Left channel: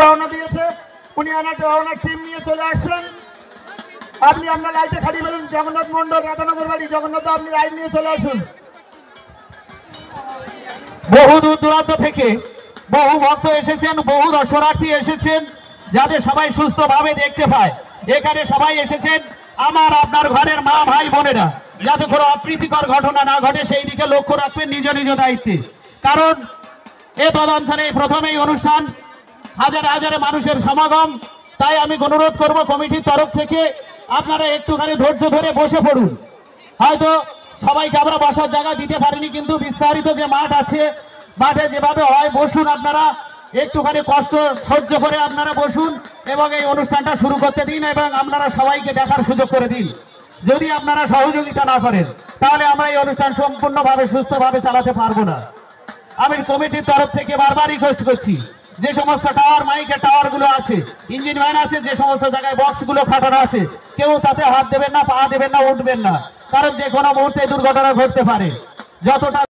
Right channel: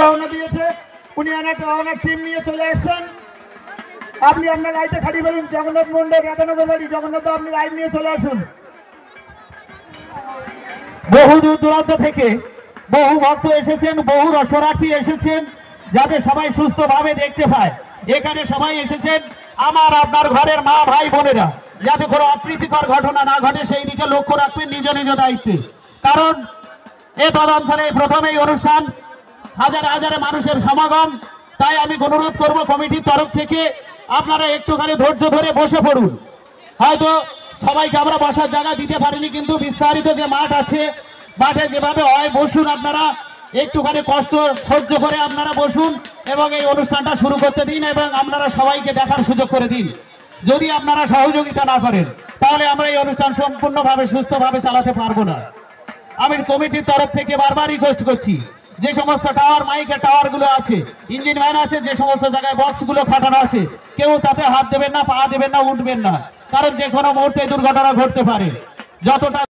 রওনা দিয়েছে, উনি ওনার টিম নিয়ে চলে আসছেন। আপনি আপনার লাইটে খালি বলুন, জগন্নাথ মন্ডল, রাধানগর বাড়ি, জগন্নাথ আপনি লাইট নিয়ে চলে আসুন। বহু দূর দূরান্ত থেকে বহু ভক্ত এসেছেন, বহু দর্শনার্থী এসেছেন, যাতে সবাই সুস্থভাবে দেখতে পায়। এখানে সবাই এসেছেন আমার আপনার ঘরের মা ভাই বোনেরা, যাতে কোনো অপ্রীতিকর ঘটনা না ঘটে সেই দিকে লক্ষ্য রাখবেন নিজ নিজ দায়িত্বে। কারণ এ তদঞ্চলে প্রথমেই অনুষ্ঠান, হাজারে হাজারে মানুষের সমাগম। তাই আমি অনুরোধ করব কমিটির তরফ থেকে আপনারা একটুখানি ধৈর্য ধরে বসে পড়ুন। হয়তো সবাইকে আমরা বসার জায়গা দিতে পারিনি, কিন্তু বিস্তারিত যে মাঠ আছে, মাঠে যেভাবে হয় বসুন, আপনারা একটুখানি কষ্ট সহ্য করে আপনারা বসুন এবং এই অনুষ্ঠানটা শুরু করতে দিন এবং আপনারা সবাইকে দেখার সুযোগ করে দিন। যদি আপনারা সহযোগিতা না করেন তাহলে আমরা এই অনুষ্ঠান সম্পূর্ণভাবে সুস্থভাবে চালাতে পারবো না। আমি কমিটির তরফ থেকে বারবার রিকোয়েস্ট করছি, যে সমস্ত টাওয়ার মাইকের টাওয়ার গুলো আছে, ইঞ্জিন ভ্যান আছে, যে সমস্ত জায়গায় বক্স গুলো খাটানো আছে, কেউ তাতে হাত দেবেন না, পা দেবেন না, উঠবেন না, কারণ যে কোনো মুহূর্তে দুর্ঘটনা ঘটতে পারে। যতটা